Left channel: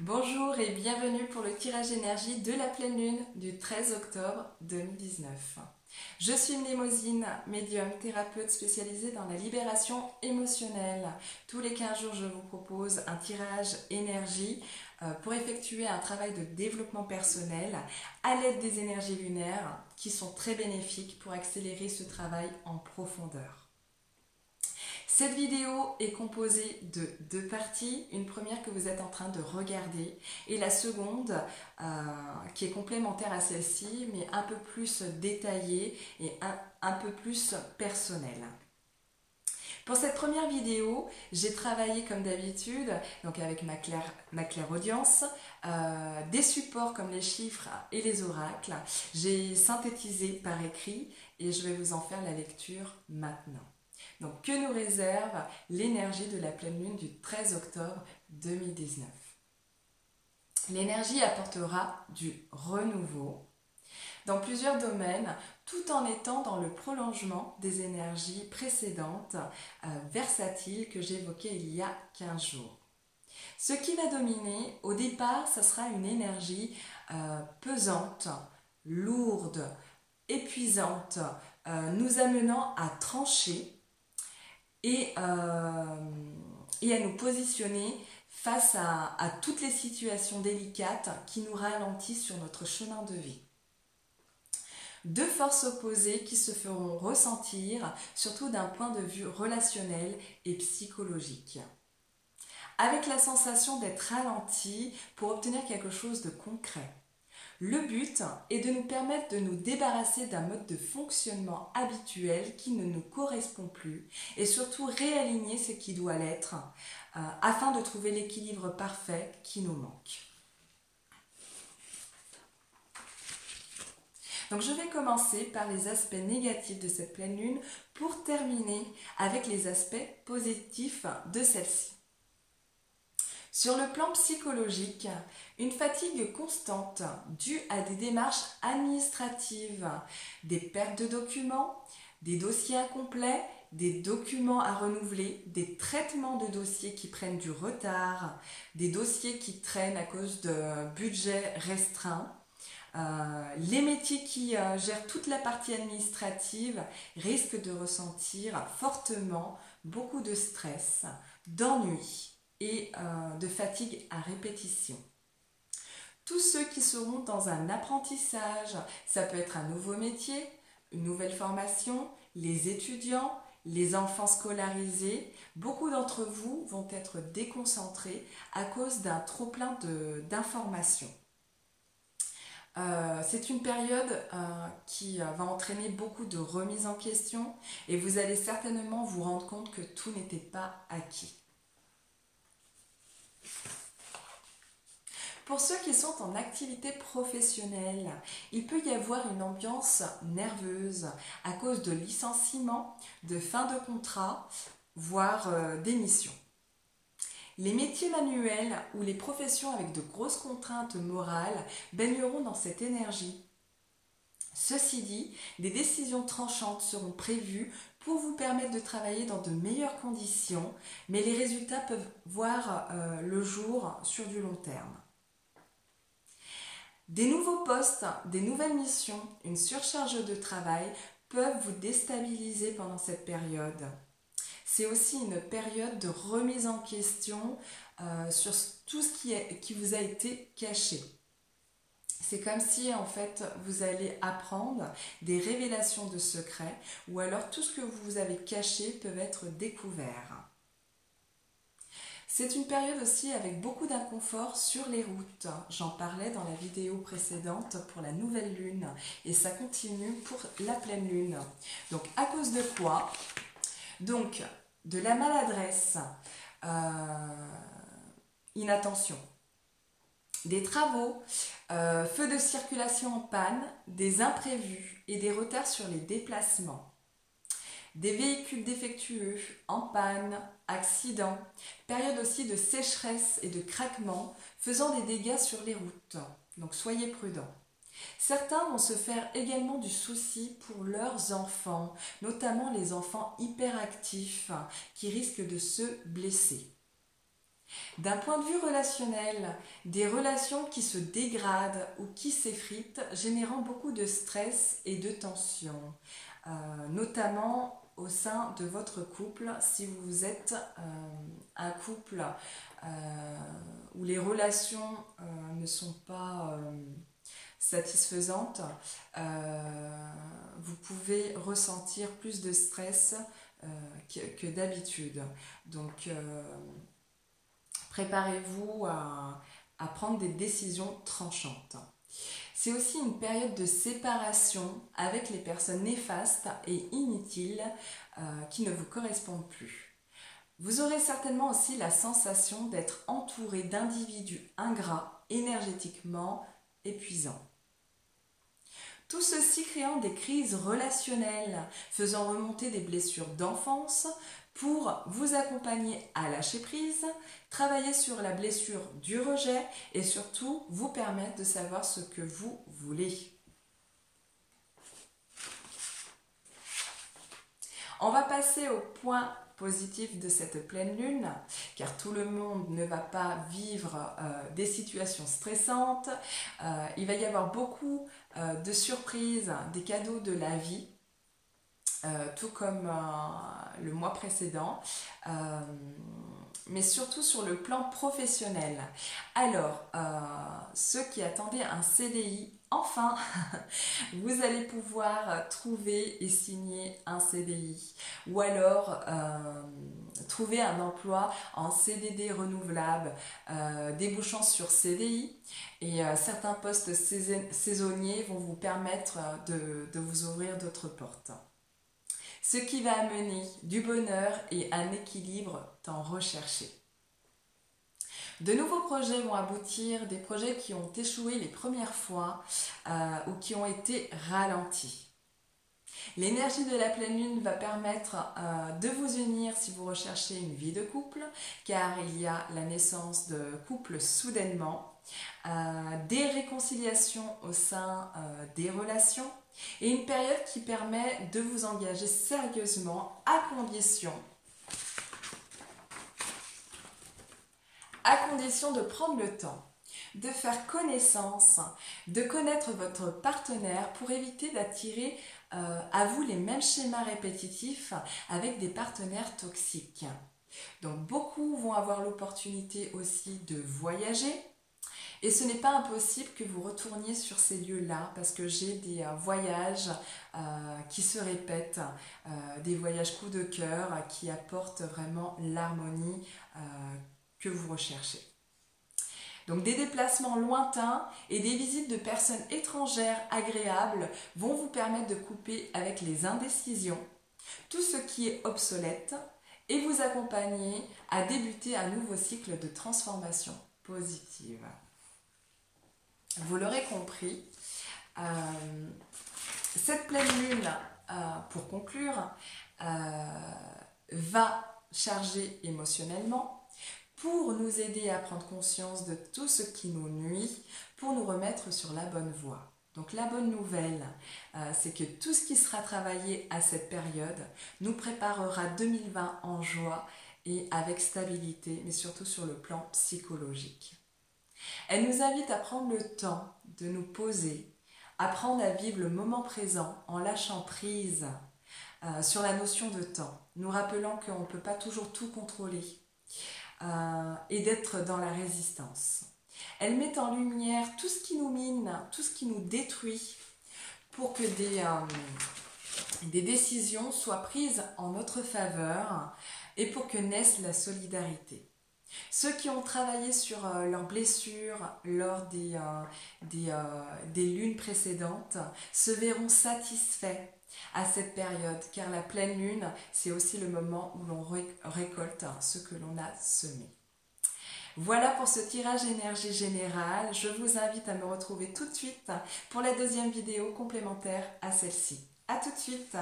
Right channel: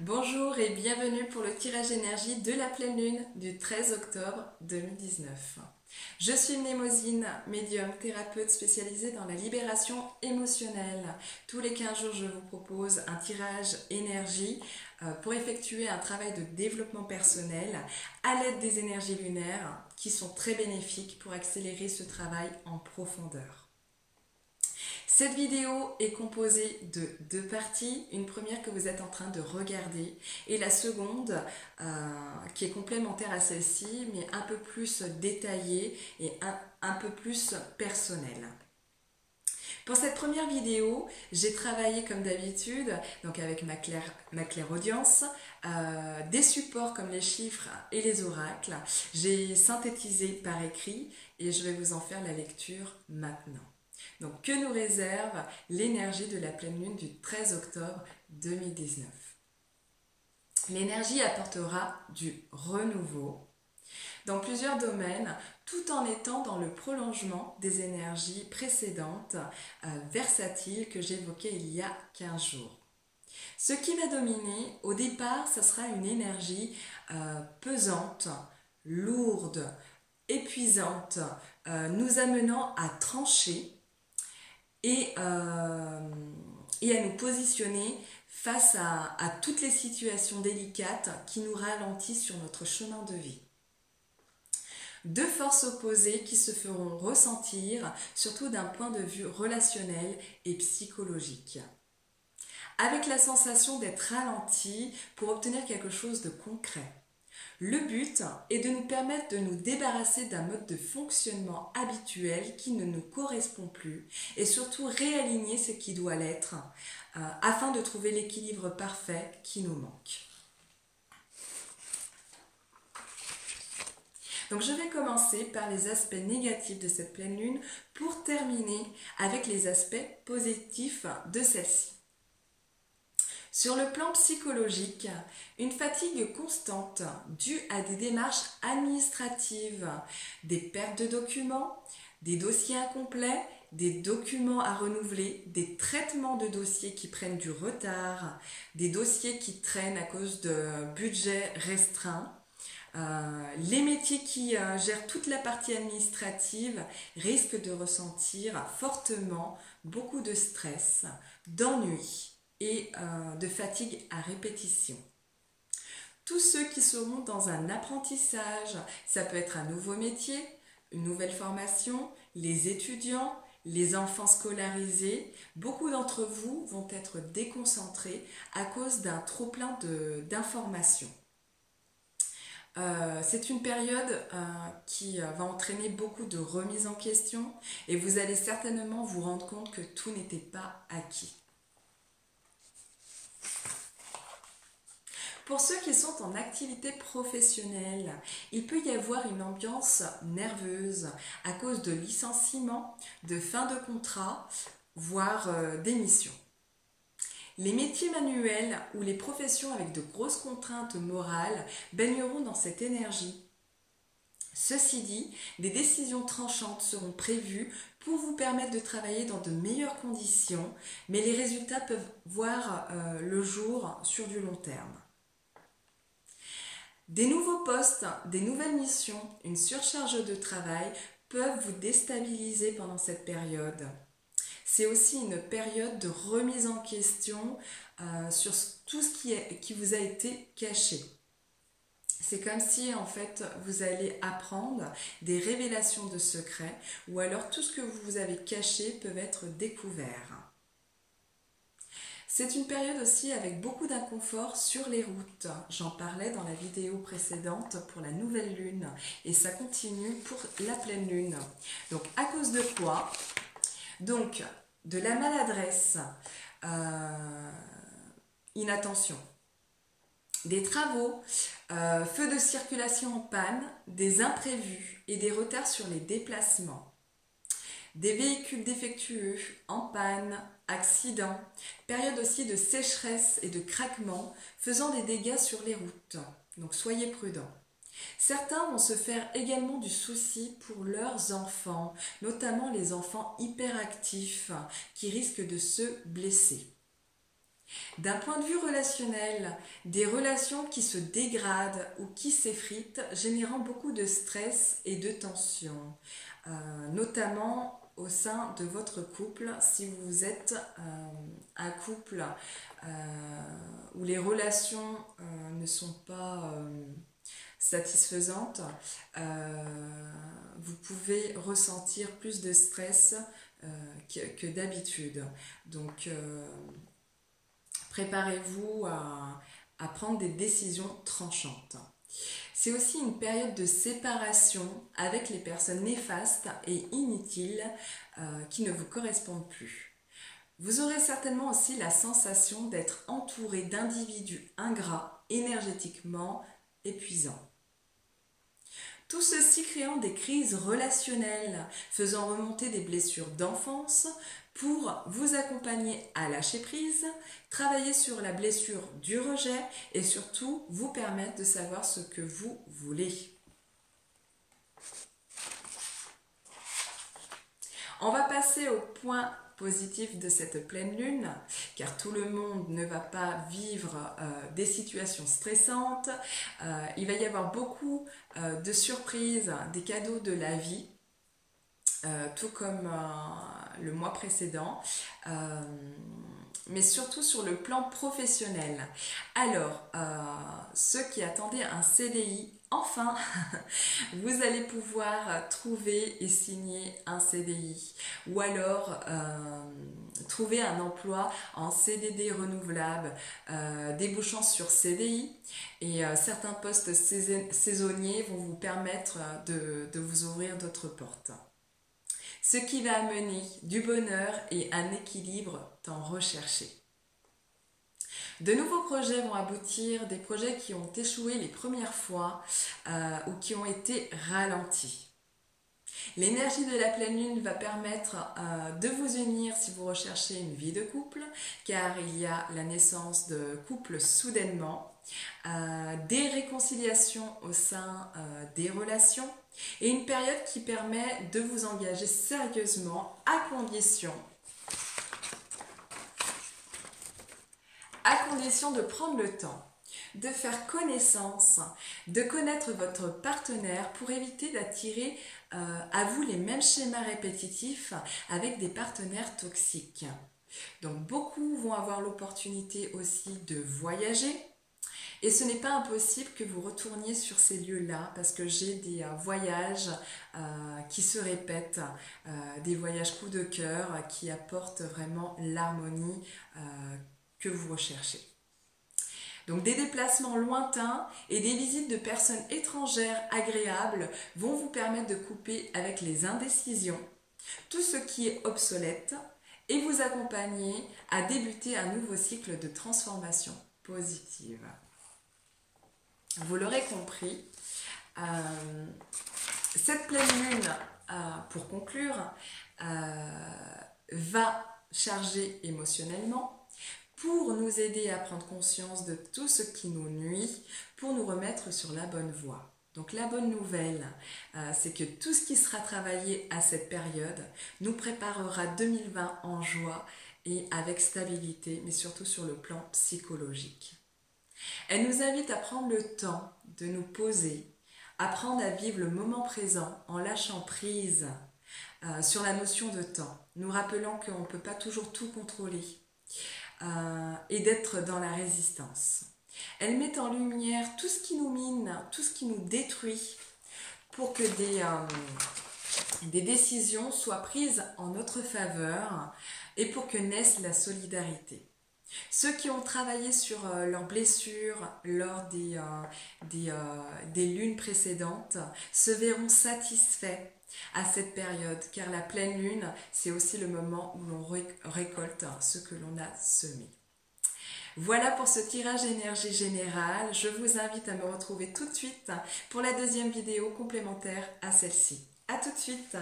Bonjour et bienvenue pour le tirage énergie de la pleine lune du 13 octobre 2019. Je suis Mnémosine, médium thérapeute spécialisée dans la libération émotionnelle. Tous les 15 jours, je vous propose un tirage énergie pour effectuer un travail de développement personnel à l'aide des énergies lunaires qui sont très bénéfiques pour accélérer ce travail en profondeur. Cette vidéo est composée de deux parties, une première que vous êtes en train de regarder et la seconde qui est complémentaire à celle-ci mais un peu plus détaillée et un peu plus personnelle. Pour cette première vidéo, j'ai travaillé comme d'habitude, donc avec ma clairaudience, des supports comme les chiffres et les oracles. J'ai synthétisé par écrit et je vais vous en faire la lecture maintenant. Donc, que nous réserve l'énergie de la pleine lune du 13 octobre 2019? L'énergie apportera du renouveau dans plusieurs domaines, tout en étant dans le prolongement des énergies précédentes, versatiles, que j'évoquais il y a 15 jours. Ce qui va dominer, au départ, ça sera une énergie pesante, lourde, épuisante, nous amenant à trancher et à nous positionner face à toutes les situations délicates qui nous ralentissent sur notre chemin de vie. Deux forces opposées qui se feront ressentir, surtout d'un point de vue relationnel et psychologique. Avec la sensation d'être ralenti pour obtenir quelque chose de concret. Le but est de nous permettre de nous débarrasser d'un mode de fonctionnement habituel qui ne nous correspond plus et surtout réaligner ce qui doit l'être afin de trouver l'équilibre parfait qui nous manque. Donc je vais commencer par les aspects négatifs de cette pleine lune pour terminer avec les aspects positifs de celle-ci. Sur le plan psychologique, une fatigue constante due à des démarches administratives, des pertes de documents, des dossiers incomplets, des documents à renouveler, des traitements de dossiers qui prennent du retard, des dossiers qui traînent à cause de budgets restreints. Les métiers qui gèrent toute la partie administrative risquent de ressentir fortement beaucoup de stress, d'ennui et de fatigue à répétition. Tous ceux qui seront dans un apprentissage, ça peut être un nouveau métier, une nouvelle formation, les étudiants, les enfants scolarisés, beaucoup d'entre vous vont être déconcentrés à cause d'un trop-plein d'informations. C'est une période qui va entraîner beaucoup de remises en question et vous allez certainement vous rendre compte que tout n'était pas acquis. Pour ceux qui sont en activité professionnelle, il peut y avoir une ambiance nerveuse à cause de licenciements, de fin de contrat, voire d'émissions. Les métiers manuels ou les professions avec de grosses contraintes morales baigneront dans cette énergie. Ceci dit, des décisions tranchantes seront prévues pour vous permettre de travailler dans de meilleures conditions, mais les résultats peuvent voir le jour sur du long terme. Des nouveaux postes, des nouvelles missions, une surcharge de travail peuvent vous déstabiliser pendant cette période. C'est aussi une période de remise en question sur tout ce qui vous a été caché. C'est comme si en fait vous allez apprendre des révélations de secrets ou alors tout ce que vous avez caché peut être découvert. C'est une période aussi avec beaucoup d'inconfort sur les routes. J'en parlais dans la vidéo précédente pour la nouvelle lune et ça continue pour la pleine lune. Donc à cause de quoi? Donc de la maladresse, inattention, des travaux, feux de circulation en panne, des imprévus et des retards sur les déplacements. Des véhicules défectueux, en panne, accidents, période aussi de sécheresse et de craquement faisant des dégâts sur les routes. Donc soyez prudents. Certains vont se faire également du souci pour leurs enfants, notamment les enfants hyperactifs qui risquent de se blesser. D'un point de vue relationnel, des relations qui se dégradent ou qui s'effritent, générant beaucoup de stress et de tension, notamment au sein de votre couple, si vous êtes un couple où les relations ne sont pas satisfaisantes, vous pouvez ressentir plus de stress que d'habitude. Donc, préparez-vous à prendre des décisions tranchantes. C'est aussi une période de séparation avec les personnes néfastes et inutiles qui ne vous correspondent plus. Vous aurez certainement aussi la sensation d'être entouré d'individus ingrats, énergétiquement épuisants. Tout ceci créant des crises relationnelles, faisant remonter des blessures d'enfance pour vous accompagner à lâcher prise, travailler sur la blessure du rejet et surtout vous permettre de savoir ce que vous voulez. On va passer au point positif de cette pleine lune, car tout le monde ne va pas vivre des situations stressantes. Il va y avoir beaucoup de surprises, des cadeaux de la vie, tout comme le mois précédent, mais surtout sur le plan professionnel. Alors, ceux qui attendaient un CDI, enfin, vous allez pouvoir trouver et signer un CDI, ou alors trouver un emploi en CDD renouvelable, débouchant sur CDI, et certains postes saisonniers vont vous permettre de vous ouvrir d'autres portes. Ce qui va amener du bonheur et un équilibre tant recherché. De nouveaux projets vont aboutir, des projets qui ont échoué les premières fois ou qui ont été ralentis. L'énergie de la pleine lune va permettre de vous unir si vous recherchez une vie de couple, car il y a la naissance de couples soudainement, des réconciliations au sein des relations, et une période qui permet de vous engager sérieusement à condition de prendre le temps, de faire connaissance, de connaître votre partenaire pour éviter d'attirer à vous les mêmes schémas répétitifs avec des partenaires toxiques. Donc beaucoup vont avoir l'opportunité aussi de voyager. Et ce n'est pas impossible que vous retourniez sur ces lieux-là parce que j'ai des voyages qui se répètent, des voyages coup de cœur qui apportent vraiment l'harmonie que vous recherchez. Donc des déplacements lointains et des visites de personnes étrangères agréables vont vous permettre de couper avec les indécisions, tout ce qui est obsolète et vous accompagner à débuter un nouveau cycle de transformation positive. Vous l'aurez compris, cette pleine lune, pour conclure, va charger émotionnellement pour nous aider à prendre conscience de tout ce qui nous nuit, pour nous remettre sur la bonne voie. Donc la bonne nouvelle, c'est que tout ce qui sera travaillé à cette période nous préparera 2020 en joie et avec stabilité, mais surtout sur le plan psychologique. Elle nous invite à prendre le temps de nous poser, apprendre à vivre le moment présent en lâchant prise sur la notion de temps, nous rappelant qu'on ne peut pas toujours tout contrôler et d'être dans la résistance. Elle met en lumière tout ce qui nous mine, tout ce qui nous détruit pour que des décisions soient prises en notre faveur et pour que naisse la solidarité. Ceux qui ont travaillé sur leurs blessures lors des lunes précédentes se verront satisfaits à cette période, car la pleine lune, c'est aussi le moment où l'on récolte ce que l'on a semé. Voilà pour ce tirage énergie générale. Je vous invite à me retrouver tout de suite pour la deuxième vidéo complémentaire à celle-ci. À tout de suite!